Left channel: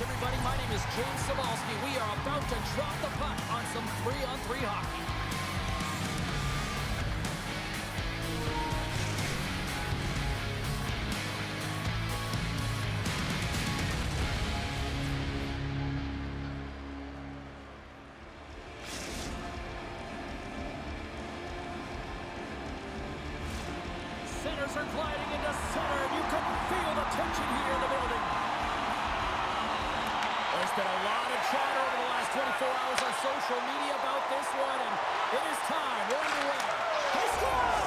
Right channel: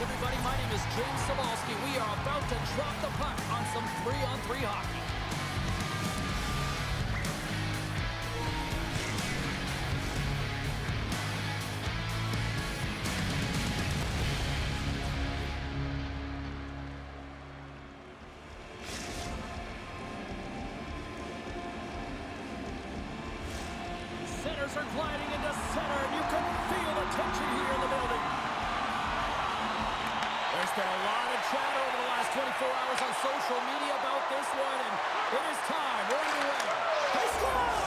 everybody. My name is James Cebulski. We are about to drop the puck on some 3-on-3 hockey. Centers are gliding into center, and you can feel the tension here in the building. There's been a lot of chatter over the last 24 hours on social media about this one, and it is time. We're underway. They score!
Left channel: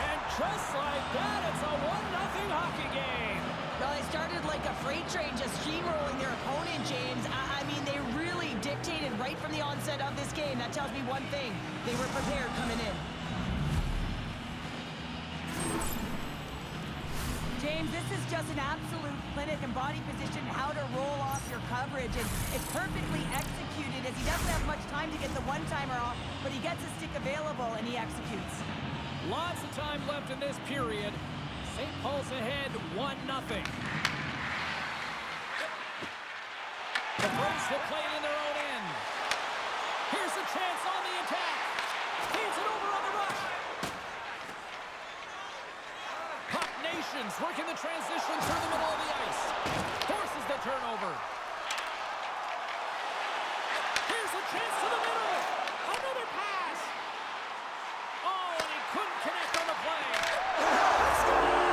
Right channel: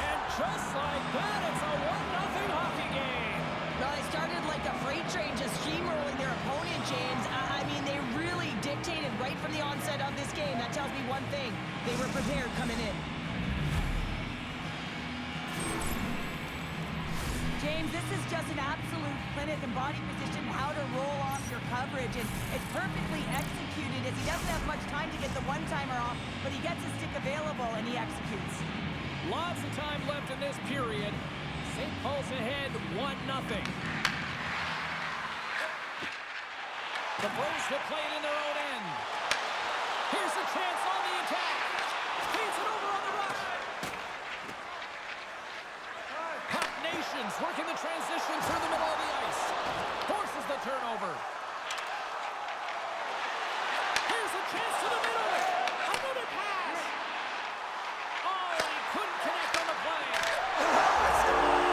And just like that, it's a 1-0 hockey game. Well, they started like a freight train, just steamrolling their opponent, James. I mean, they really dictated right from the onset of this game. That tells me one thing. They were prepared coming in. James, this is just an absolute clinic and body position, how to roll off your coverage, and it's perfectly executed as he doesn't have much time to get the one-timer off, but he gets his stick available and he executes. Lots of time left in this period. St. Paul's ahead 1-0. The Braves will play it in their own end. Here's a chance on the attack. Feeds it over on the rush. Nations working the transition through the middle of the ice. Forces the turnover. Here's a chance to the middle. Another pass. Oh, and he couldn't connect on the play. Score!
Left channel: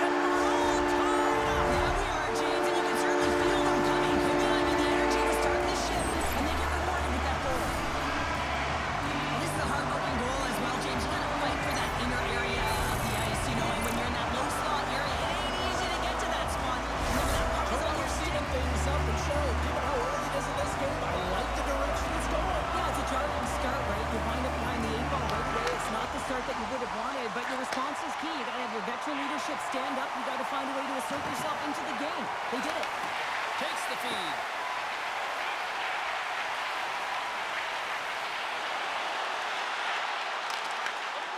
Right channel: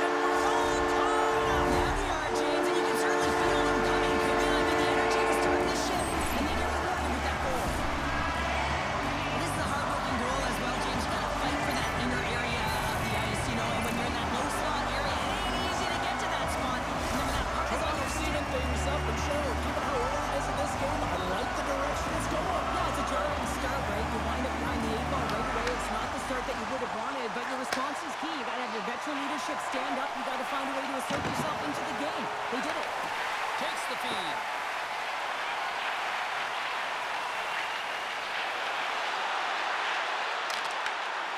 And we're all tied up. Yeah, we are, James, and you can certainly feel them coming. I mean, the energy to start this shift, and they get rewarded with that goal. Well, this is a hard-working goal as well, James. You got to fight for that inner area of the ice, you know, and when you're in that low slot area, it ain't easy to get to that spot. And then when that puck is on your stick. Things up, and Cheryl, given how early it is in this game, I like the direction it's going. Yeah, it's a jarring start, right? You wind up behind the 8 ball right away. It's not the start that you would have wanted, but your response is key. You got to have your veteran leadership stand up. You got to find a way to assert yourself into the game. They did it. Takes the feed.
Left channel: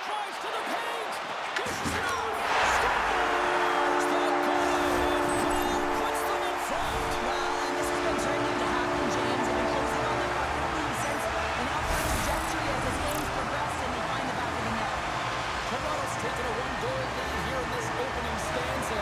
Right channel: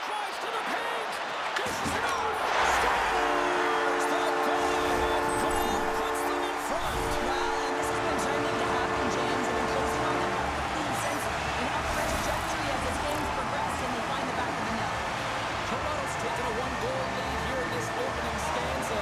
Drives to the paint. Dishes it off. Scores! The go-ahead goal puts them in front. Well, and this has been trending to happen, James. They've been closing on the puck quickly since an upward trajectory as this game's progressed, and they find the back of the net. Toronto's taken a 1-goal lead here in this opening stanza.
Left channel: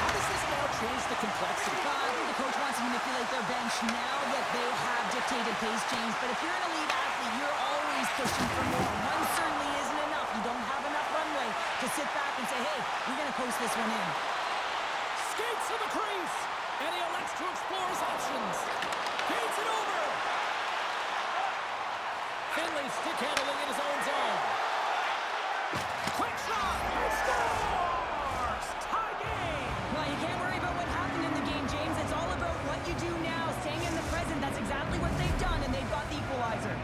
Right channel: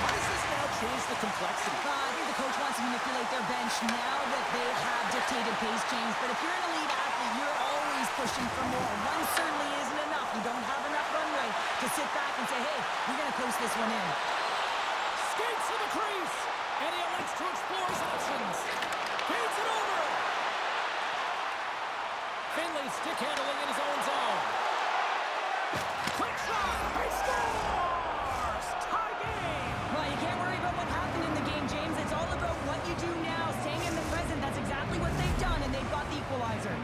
How does this now change the complexity? I think the coach wants to manipulate their bench now that they have dictated pace, James. But if you're an elite athlete, you're always pushing for more. One certainly isn't enough. You don't have enough runway to sit back and say, hey, we're going to coast this one in. Skates to the crease, and he elects to explore his options. Feeds it over. Finley stick handling in his own zone. Quick shot. He scores! Tie game. Well, you can't worry about what happened in the game, James. It's all about what you do now, staying in the present. That's exactly what they've done, and they've got the equalizer.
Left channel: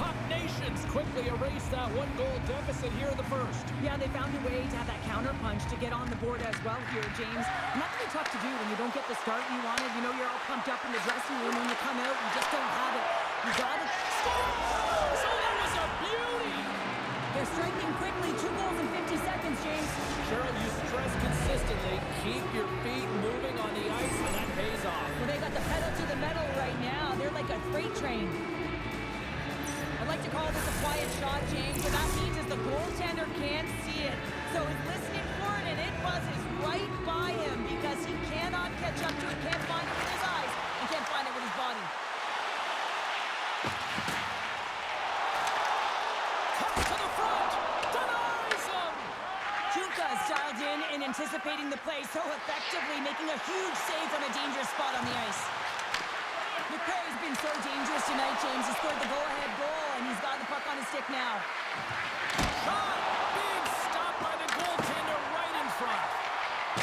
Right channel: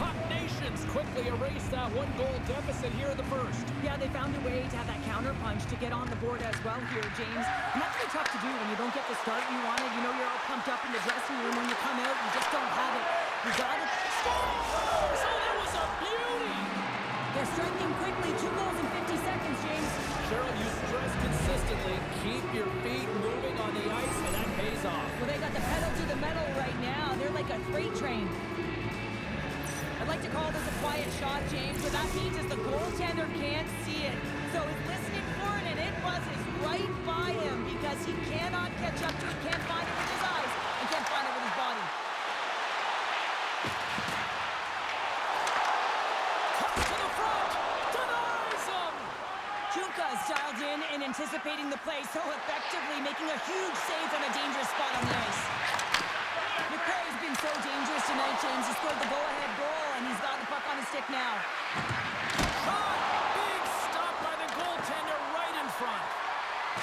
Puck Nations quickly erased that 1-goal deficit here in the first. Yeah, they found a way to have that counter punch to get on the board as well here, James. And that's really tough to do when you don't get the start you wanted. You know, you're all pumped up in the dressing room. When you come out, you just don't have it. You got it. Scores! Oh, that was a beauty! They're striking quickly. 2 goals in 50 seconds, James. Cheryl, you stress consistently. Keep your feet moving on the ice, and that pays off. Well, they got the pedal to the metal right now. They're like a freight train. I'd like to call this a quiet shot, James. What that means is the goaltender can't see it. So he's listening for it, and it buzzes right by him because he cannot catch up to it, can't find it with his eyes, and can't find it with his body. Comes to the front, denies him! Junka's dialed in and anticipating the play so effectively, making a huge save from a dangerous spot on the ice. McCrae's been so dangerous tonight, James. He scored the go-ahead goal, and he's got the puck on his stick now. Shot! Big stop by the goaltender right in front.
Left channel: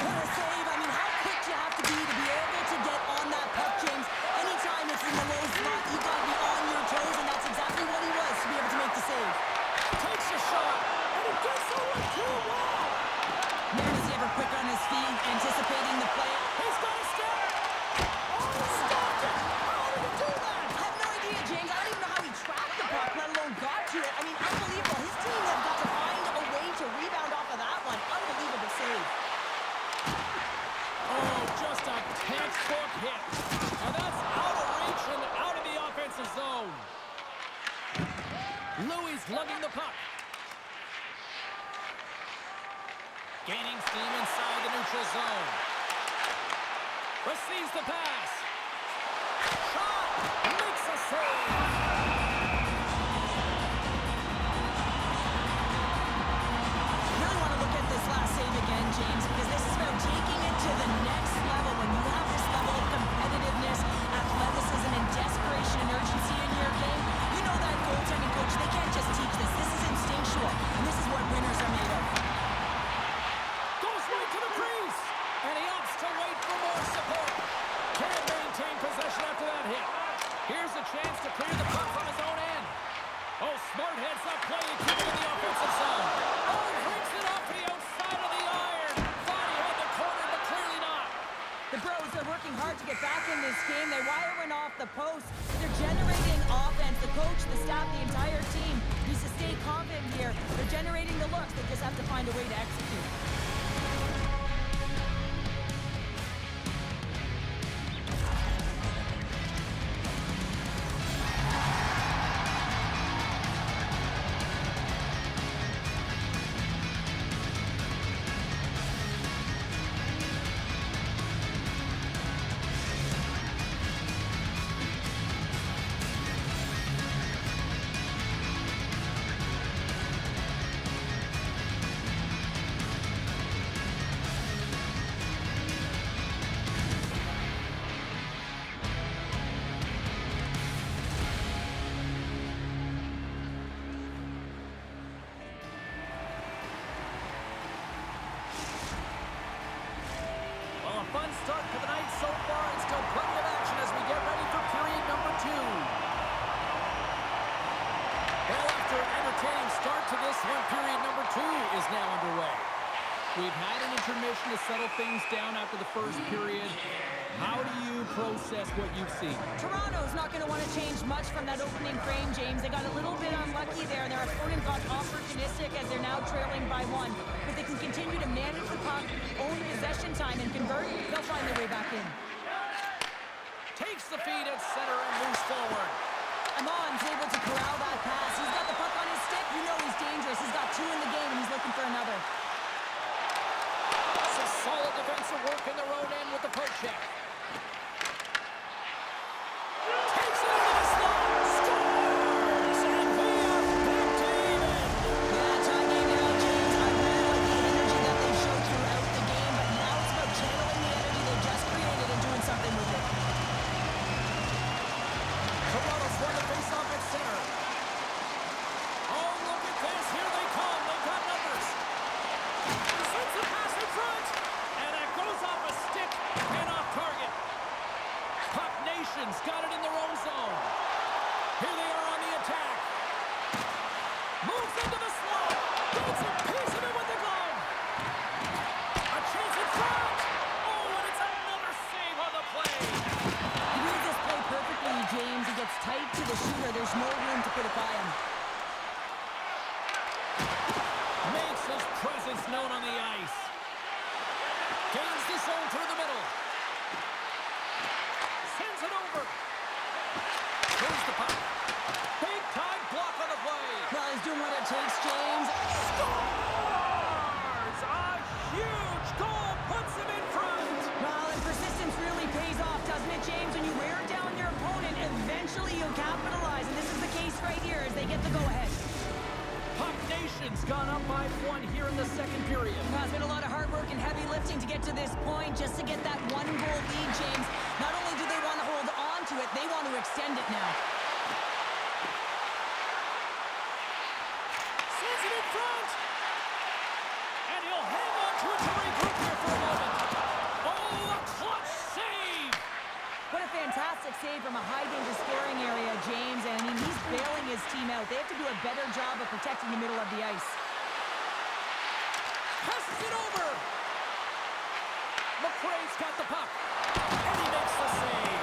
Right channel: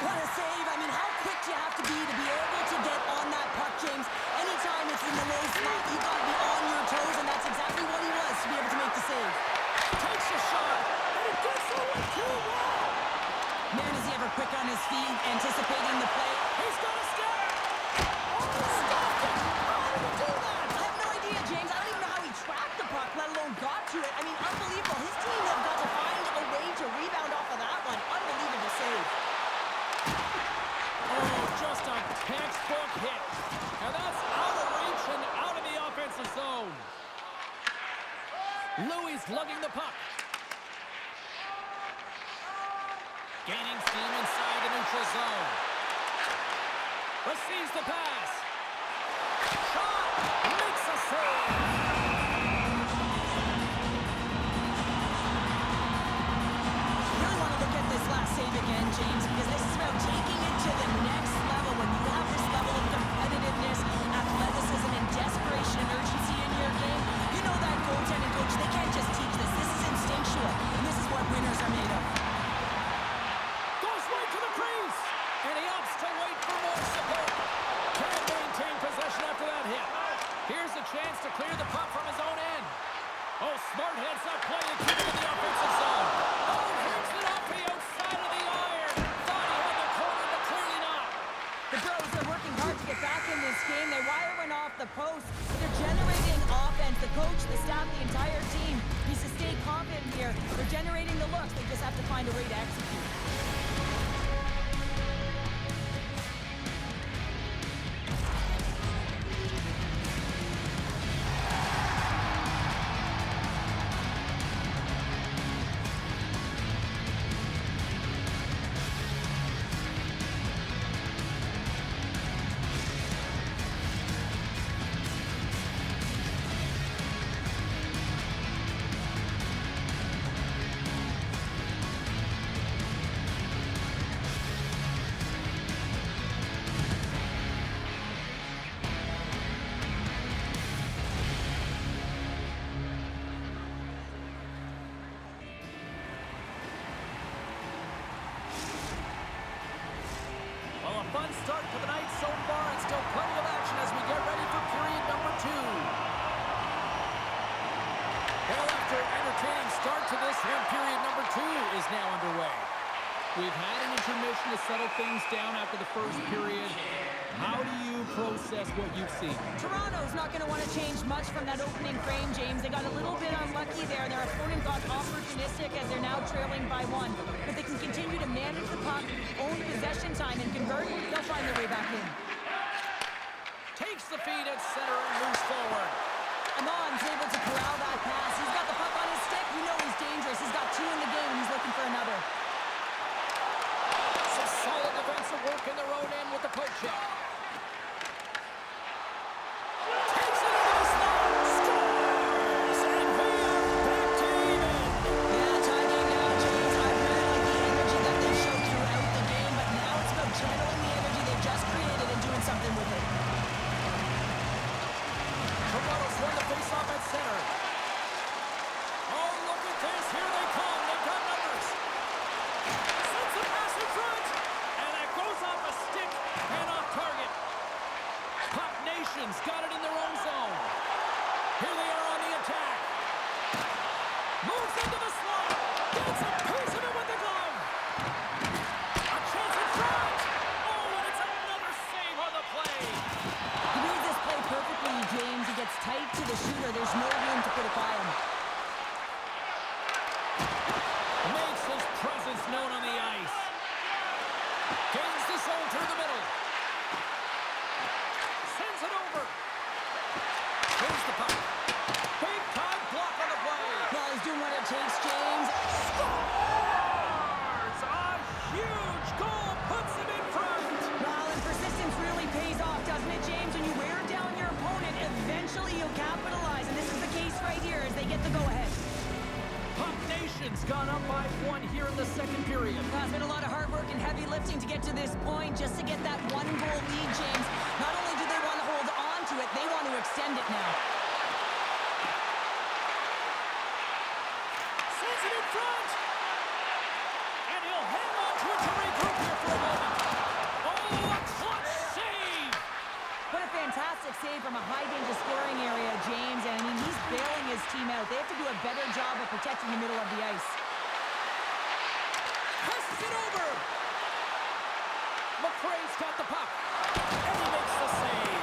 What a save. I mean, how quick do you have to be able to get on that puck, James? Anytime it's in the low spot, you got to be on your toes, and that's exactly what he was to be able to make the save. Takes a shot, and it gets away to the wall. Man, is he ever quick on his feet, anticipating the play. He's got a step. Oh, stopped it. How did he do that? I have no idea, James. I don't even know how he tracked the puck, let alone got to it. I mean, unbelievable. His team have got to find a way to rebound off of that one. Unbelievable save. Textbook hit. And that's out of reach and out of the offensive zone. Louis lugging the puck. Gaining steam inside the neutral zone. Receives the pass. Shot! Makes a save! Really want to look at this last save again, James, because this is about taking it to the next level. When you have this level of competitiveness, athleticism, and desperation and urgency in your game, you know that goaltending coach, they can't just teach this. This is instinctual, and this is what winners are made of. Goes right to the crease, and he opts to wait for more support. Can't maintain possession after that hit. Here's a chance to clear the puck from his own end. Oh, smart heads-up play to keep it in the offensive zone. Oh, brings it off the outside of the iron. Thought he had the corner, but clearly not. The Bros are working hard to get back in this game. They wire one off the post, but they're generating offense. The coach, the staff, the entire team needs to stay confident here. They're generating the looks. They just have to find a way to execute. Well, a fun start to the night so far, and still plenty of action as we get ready for period number 2. Well, after an entertaining start to this one, period number 2 is now underway. We've had an intermission to settle things down after the first period. How do you process what you've seen? Toronto's not going to want to change much from that opening frame, James. They got a little bit unlucky there. Their opponent got opportunistic as they're now trailing by 1. But they can continue to manage the puck, own possession time, and convert. They'll find their way back in. Takes the feed at center and moves forward. Amon's able to corral that pass. He's got the puck on his stick. You know he's dangerous. He's got 2 in the game, and he's looking for another. Some solid defensive work in their own end with the poke check. Takes it into the slot. Scores! And we are back to even. Yeah, tie game now, James. I really like the energy that they showed throughout the game, but now it's about channeling the energy they've just created and doing something with it. Toronto's won the faceoff at center. Oh, look at this. Here they come. They've got numbers. Sends the pass in front. And that goes off a stick and off target. Puck Nation's got it in their own zone. Here they are on the attack. Moves into the slot. Gets a piece of it with the glove. A chance in front. Oh, and it's another save on the play. He reads this play perfectly, James. He gets tight to the shooter. There's no room to put it by him. Makes his presence known on the ice. Gains the zone through the middle. Sends it over. Here's the puck. Big time block on the play. Well, he's doing what it takes, James. Scores! A huge goal puts him in front. Well, and persistence really pays off, doesn't it, James? When you wear down your opponent, eventually you'll capitalize. And this is the case right here as they get the go-ahead. Puck Nation's gone up by 1 here in the second period. Well, it's been a lot of hard work and heavy lifting to get to this point, just to get that 1-goal lead, James. Not only do they want to hold on to it, they want to extend it now. Sends it in front. And he'll hang on to it to regroup here for a moment. Oh, a clutch save. What a fantastic save from a high-danger scoring area, James. And, I mean, he's bailing his team out. They have to do a better job of protecting the middle of the ice. Passes it over. McRae's got the puck. And he makes the save.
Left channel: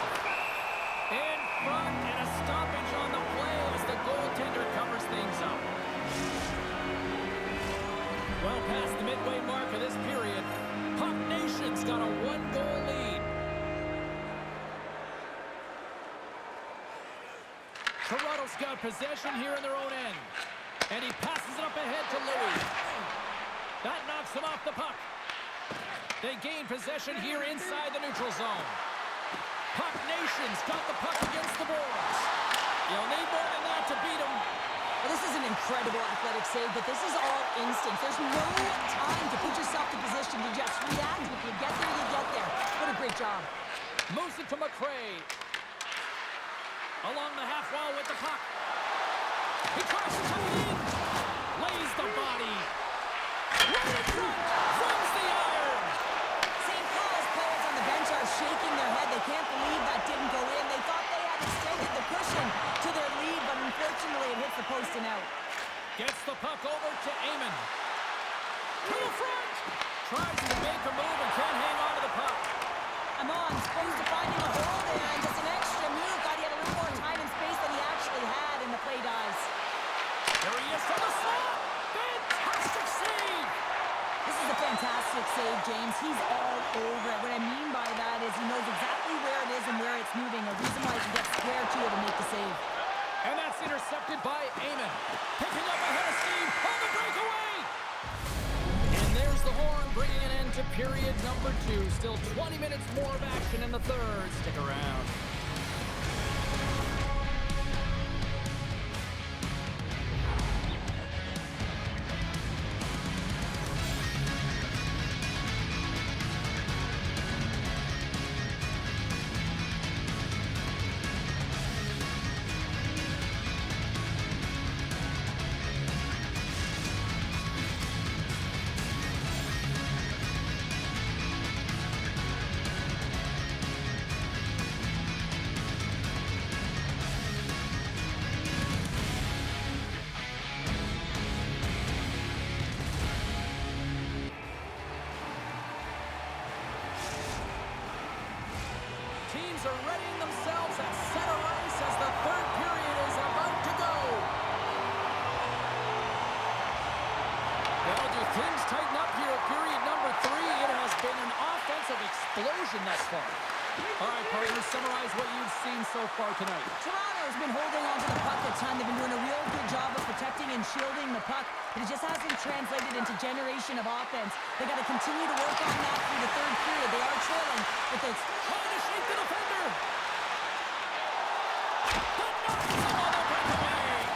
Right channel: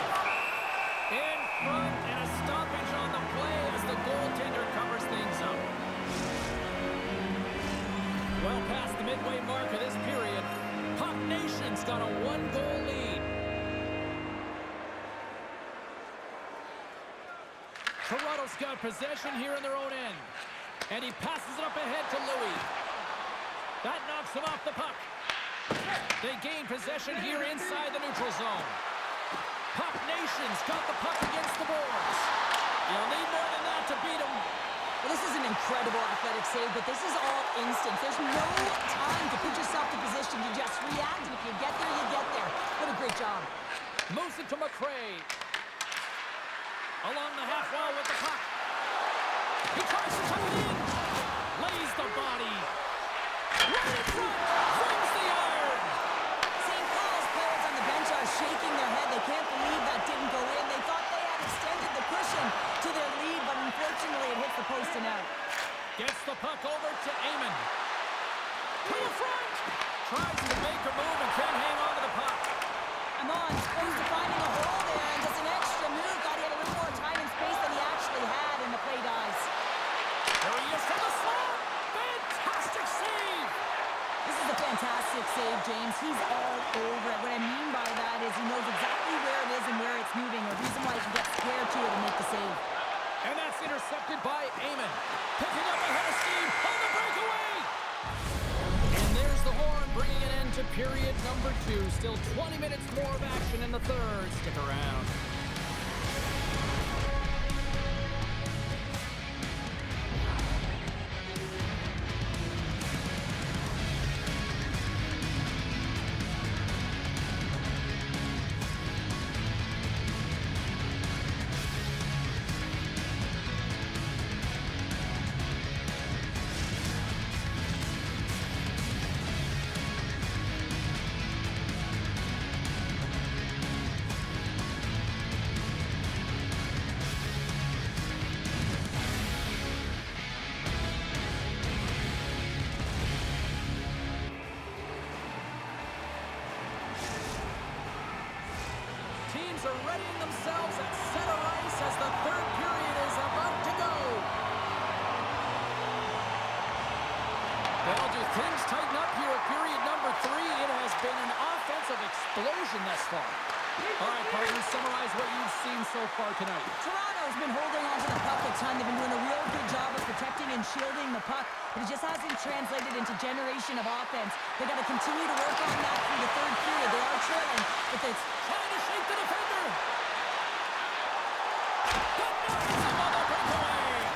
In front, and a stoppage on the play as the goaltender covers things up. Well past the midway mark of this period, Puck Nation's got a 1-goal lead. Toronto's got possession here in their own end. And he passes it up ahead to Louis. That knocks them off the puck. They gain possession here inside the neutral zone. Puck Nation's got the puck against the boards. You'll need more than that to beat them. Well, this is an incredible athletic save, but this is all instinct. There's no time to put yourself in position to just react. If you get there, you get there. What a great job. Moves it to McRae. Along the half wall with the puck. He tries to tuck it in. Lays the body. Right in front. Flings the iron. St. Paul's players on the bench are shaking their head. They can't believe that didn't go in. They thought they had extended the cushion to their lead, but unfortunately it hits the post and out. Gets the puck over to Eamon. To the front. Tries to make a move and can't hang on to the puck. Amon's close to finding a hole there and just an extra move. Thought he had a little more time and space than he actually had, and the play dies. There he is from the slot. Fantastic save. This is a fantastic save, James. He's all over it. What I mean by that is he knows exactly where it is and where it's moving. A reason why he can get square to it and make the save. And that's intercepted by Eamon. Picking up ahead of steam on the breakaway. And there's the horn, bringing an end to period number 2. Still 20 minutes more of action in the third. Stick around. Teams are readying themselves at center ice as the third period is about to go. Well, do things tighten up here at period number 3? It has been an offensive explosion thus far. All right, partners, summarize what you've seen so far tonight. Toronto's been holding onto the puck a ton. They've been doing a real good job of protecting and shielding the puck, but it just hasn't translated into generation of offense. They got to continue to work on that through the third period. They are trailing, but it's Trying to shake the defender. That knocks him on the breakaway.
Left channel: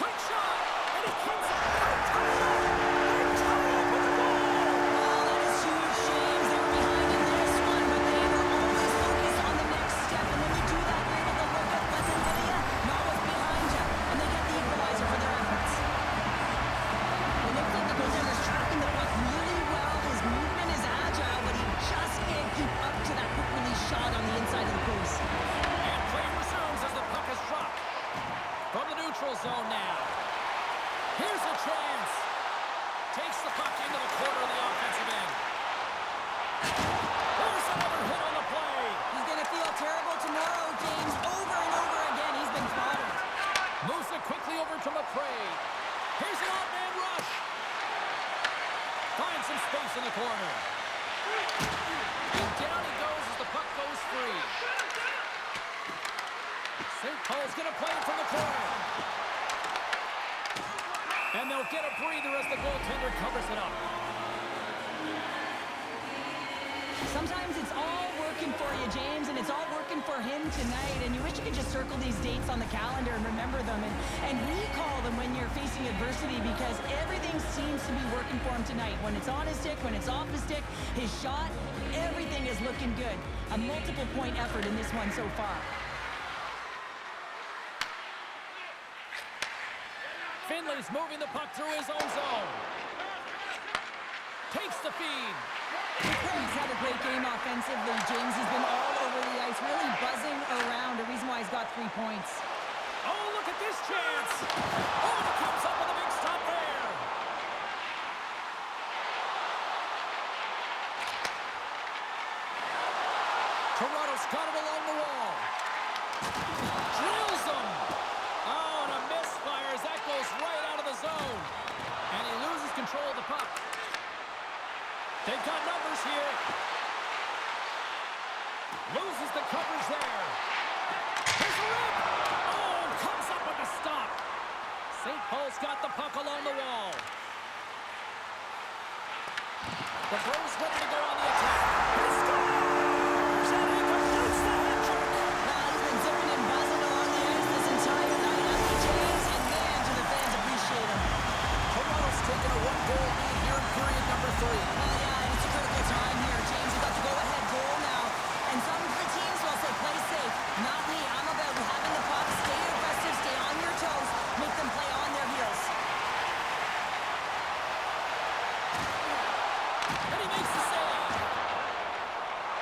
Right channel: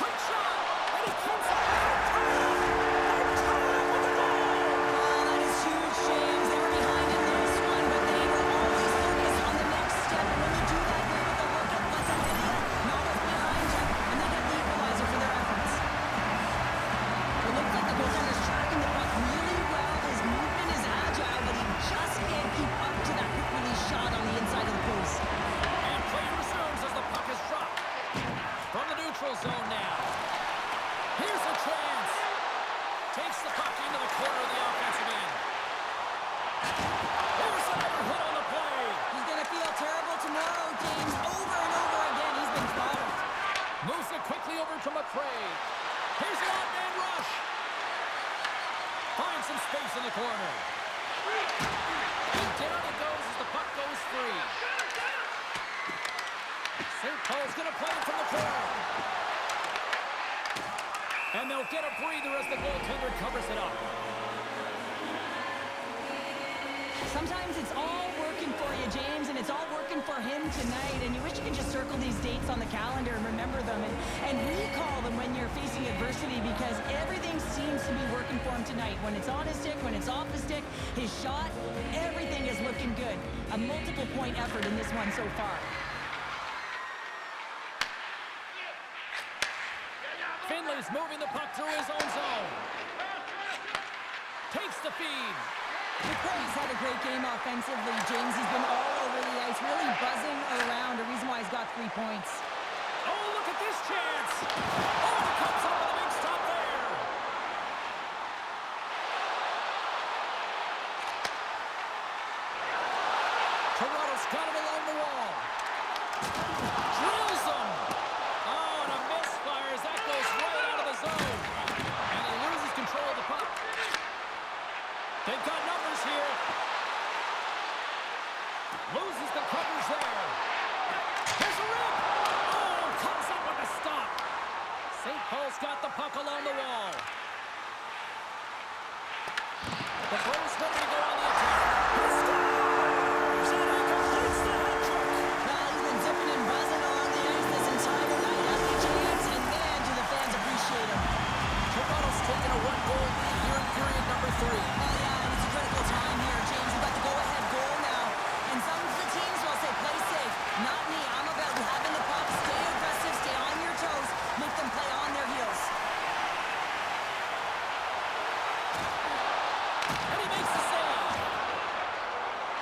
Quick shot, and he comes up. They're tied up. They're tied up with the goal. oh, that is huge, James. They were behind in this one, but they were always focused on the next step. And when you do that, you're able to look at what's ahead of you, not what's behind you, and they get the equalizer for their efforts. It looks like the goaltender's tracking the puck really well. His movement is agile, but he just can't keep up to that quick release shot on the inside of the post. And play resumes as the puck is dropped. From the neutral zone now. Here's a chance. Takes the puck into the corner of the offensive end. There's another hit on the play. He's going to feel terrible tomorrow, James. Over and over again, he's been throttled. Moves it quickly over to McRae. Here's an odd man rush. Finds some space in the corner. And down he goes as the puck goes free. St. Paul's going to play it from the corner. And they'll get a breather as the goaltender covers it up. Sometimes it's all working for you, James, and it's all working for him tonight. And you wish you could just circle these dates on the calendar and remember them and recall them when you're facing adversity, because everything seems to be working for him tonight. When it's on his stick, when it's off the stick, his shot, everything is looking good. A multiple point effort in this one so far. Finley's moving the puck through his own zone. Takes the feed. McRae's had a great game offensively, James. He's been all over the ice, really buzzing around. A reason why he's got 3 points. Oh, look at this chance. Oh, and he comes up with a big stop there. Toronto's got it along the wall. Drills him. Oh, and a misfire as that goes right out of the zone. And he loses control of the puck. They've got numbers here. Loses the coverage there. Here's a rip. Oh, A stop. St. Paul's got the puck along the wall. The Bros ready to go on the attack. He scores! And he completes the hat trick. Well, he's been zipping and buzzing along the ice this entire night, hasn't he, James? And man, do the fans appreciate him. Toronto's taken a one-goal lead here in period number 3. Oh, yeah, and it's a critical time here, James. We've got the go-ahead goal now. And some of the teams will say, play safe. Not me. I'm about having the puck, stay aggressive, stay on your toes, make them play on their heels. And he makes the save.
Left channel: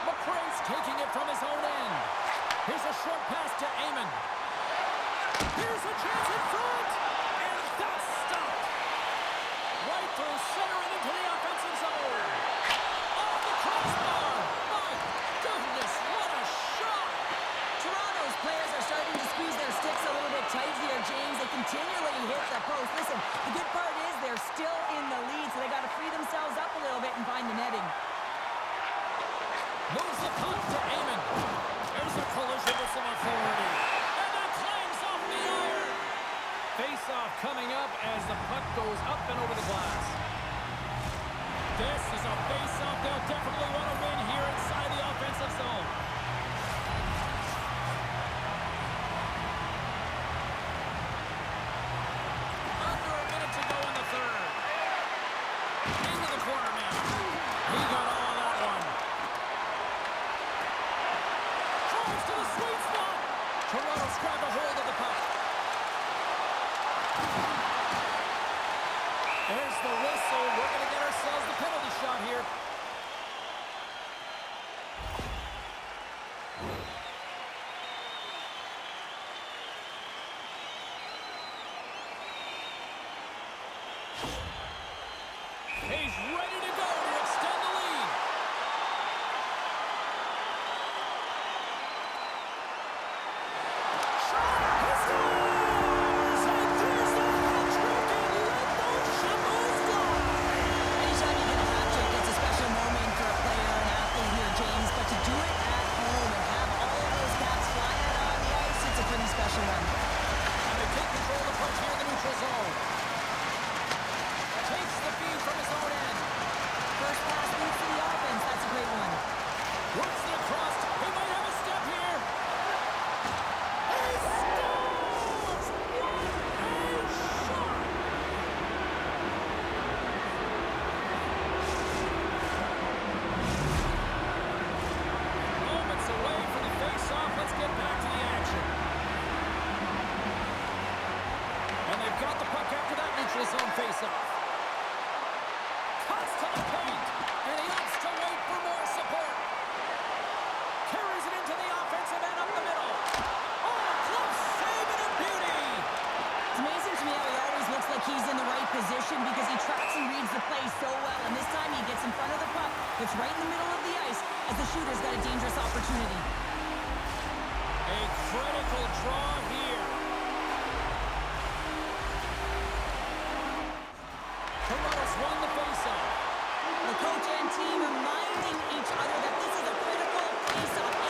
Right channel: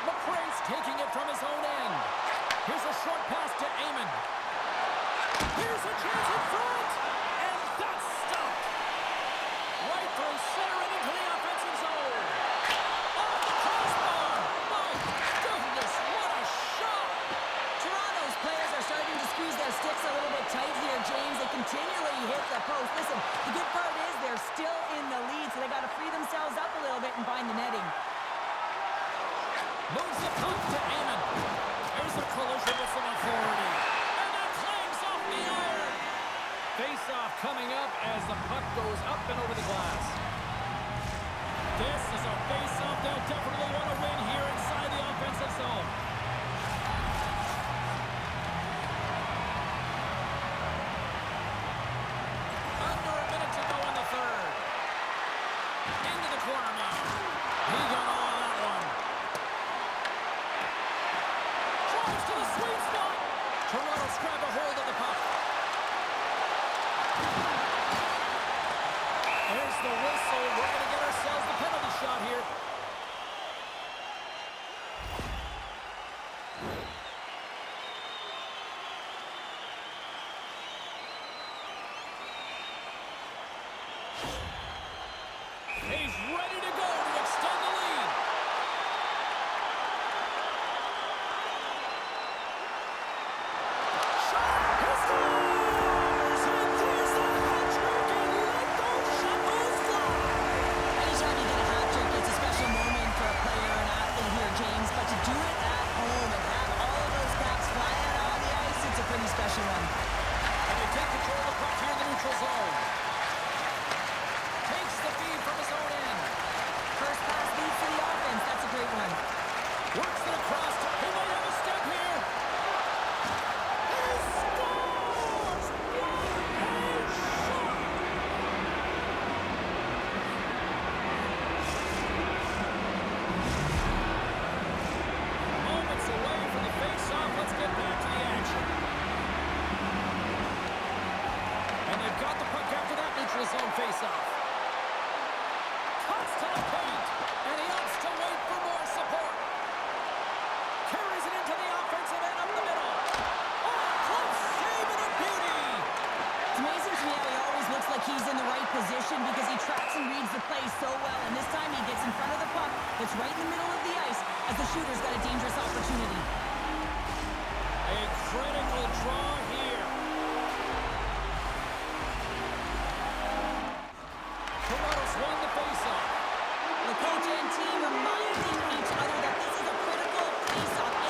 McRae's taking it from his own end. Here's a short pass to Amon. Here's a chance in front. And that's stopped. Right through center and into the offensive zone. Off the crossbar. My goodness, what a shot. Toronto's players are starting to squeeze their sticks a little bit tight here, James. They continually hit the post. Listen, the good part is they're still in the lead, so they got to free themselves up a little bit and find the netting. Moves the puck to Amon. There's a collision with some authority. And that clangs off the iron. Face-off coming up as the puck goes up and over the glass. This is a face-off they'll definitely want to win here inside the offensive zone. Under a minute to go in the third. Into the corner now. He got all of that one. Drives to the sweet spot. Toronto's grabbed a hold of the puck. There's the whistle. We're going to get ourselves the penalty shot here. He's ready to go to extend the lead. Shot! He scores! And there's the hat trick, and let those shovels fly! Anytime you get a hat trick, it's a special moment for a player, an athlete here, James. But to do it at home and have all of those caps fly out on the ice, it's a pretty special one. And they take control of the puck here in the neutral zone. Takes the feed from his own end. First pass leads to the offense. That's a great one. Works it across. He might have a step here. He scores! What a shot! Moments away from the face-off. Let's get back to the action. And they've got the puck after that neutral zone face-off. Cuts to the paint, and he opts to wait for more support. Carries it into the offensive end up the middle. Oh, close save and a beauty. It's amazing to me how he always looks like he's in the right position because he tracks and reads the play so well. And this time he gets in front of the puck that's right in the middle of the ice as the shooter's got a dangerous opportunity. A critical draw here. Toronto's won the faceoff. The coach and team reminding each other that this is a critical face-off.